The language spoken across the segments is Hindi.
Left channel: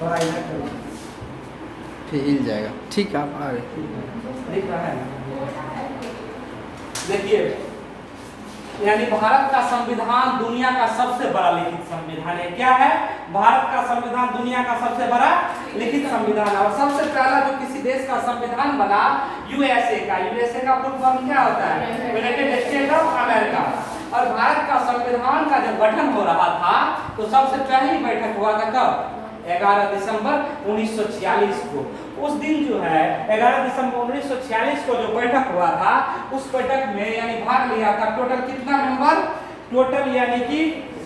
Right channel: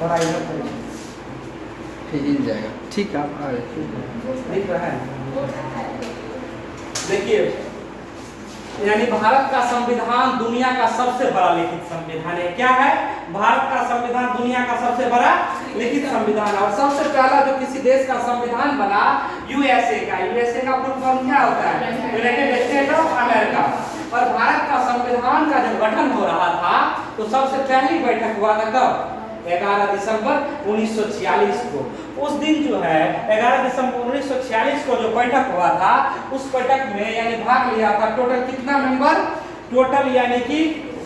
थोड़ा इधर करिए, फिर हिल जाएगा। ठीक है, आप आ रहे। दिख रहा है? देखिए, यानी भारत का संविधान दुनिया का सबसे बड़ा लिखित संविधान है। क्या है? भारत का संविधान दुनिया का सबसे बड़ा लिखित संविधान है। और सबसे पहला जो किसी देश का संविधान बना, यूएसए का। यूएसए का फुल फॉर्म क्या होता है? United state of America. और भारत का संविधान का जब गठन हो रहा था तो सबसे पहली बैठक हुआ था कब? 11 दिसंबर 1946 को। उस दिन जो है 11 दिसंबर 1946 को जो बैठक हुआ था, उस बैठक में यानी भाग लिया था टोटल कितना मेंबर? टोटल यानी कि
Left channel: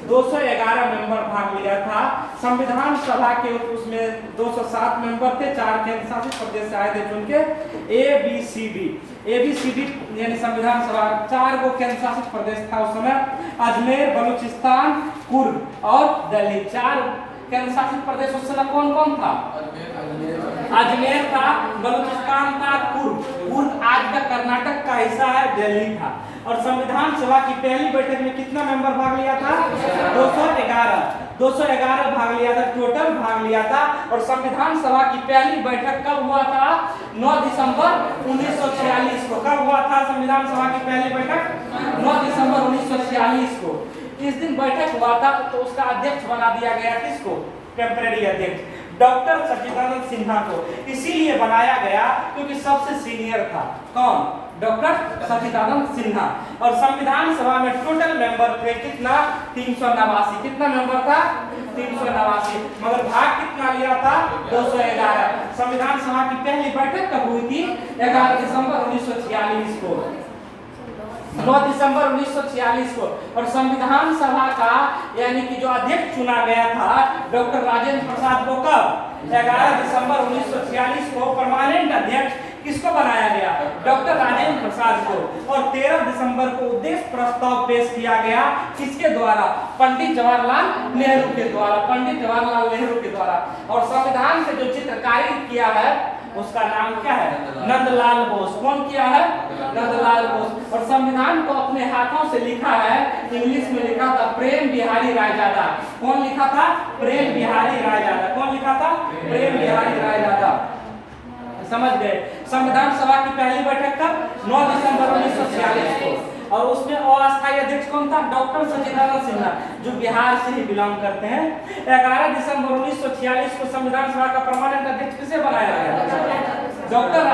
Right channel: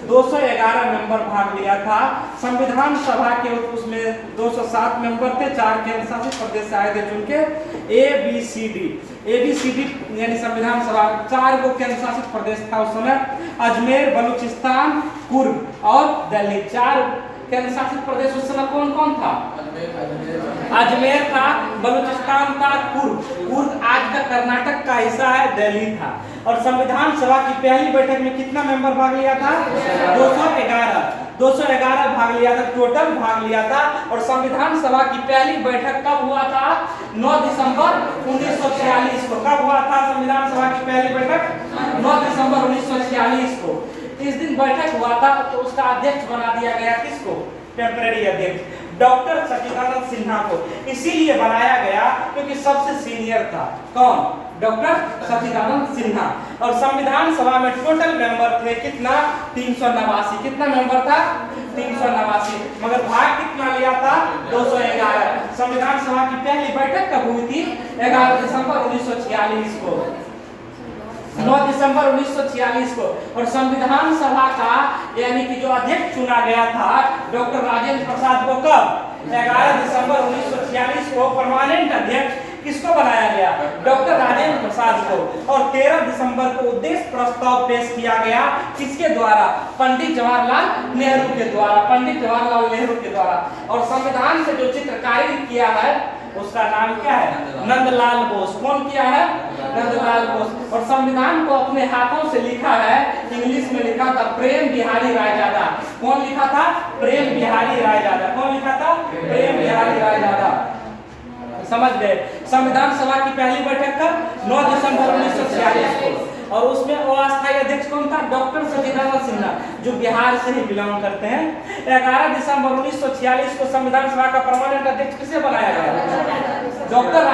211 मेंबर भाग लिया था। संविधान सभा के उसमें 207 मेंबर थे, 4 केंद्र शासित प्रदेश से आए थे चुन के। ABCD यानी संविधान सभा 4 को केंद्र शासित प्रदेश था उस समय। अजमेर, बलूचिस्तान, कुर्ग और दिल्ली 4 केंद्र शासित प्रदेश उस समय कौन कौन था? अजमेर था, बलूचिस्तान था, कुर्ग आज का कर्नाटक का हिस्सा है, दिल्ली था। और संविधान सभा की पहली बैठक में कितना मेंबर भाग लिया था? 211 भाग लिया था, टोटल भाग लिया था। और संविधान सभा की पहली बैठक कब हुआ था? 9 दिसंबर 1946 को। कब हुआ था संविधान सभा की पहली बैठक? 9 दिसंबर 1946 को। इस दिन बैठक हुआ था तो उसका अध्यक्ष बना दिया गया किसको? टेम्परेरी अध्यक्ष डॉक्टर सच्चिदानंद सिन्हा को। इसीलिए बनाया गया क्योंकि सबसे सीनियर था। कौन? डॉक्टर सच्चिदानंद सिन्हा। और संविधान सभा में टोटल मेंबर थे कितना? 389। कितना मेंबर था? 389। मगर भाग कितना लिया था? 211। संविधान सभा की पहली बैठक कब हुई थी? 11 दिसंबर 1946 को। 9 दिसंबर 1946 को। और संविधान सभा का यानी कि जो अध्यक्ष चुना गया था डॉक्टर राजेंद्र प्रसाद को कब? 11 दिसंबर 1946 को परमानेंट अध्यक्ष किसको बनाया गया? डॉक्टर राजेंद्र प्रसाद को। और 13 दिसंबर को उद्देश्य प्रस्ताव पेश किया गया किसके द्वारा? पंडित जवाहरलाल नेहरू के द्वारा। पंडित जवाहरलाल नेहरू के द्वारा। और संविधान से जो चित्रकारी किया है उसका नाम क्या है? नंदलाल बोस। कौन किया है? नंदलाल बोस। और संविधान को अपने हाथों से लिखा है, इंग्लिश में लिखा था प्रेम बिहारी रायजादा। कौन लिखा था? प्रेम बिहारी रायजादा। कौन लिखा था? प्रेम बिहारी रायजादा। समझ गए? संविधान सभा की पहली बैठक कब? 9 दिसंबर 1946 को। और उसमें अस्थायी अध्यक्ष कौन था? डॉक्टर सच्चिदानंद सिन्हा, जो बिहार से ही बिलोंग करते हैं। 11 दिसंबर 1946 को संविधान सभा का परमानेंट अध्यक्ष किसे बनाया गया? डॉक्टर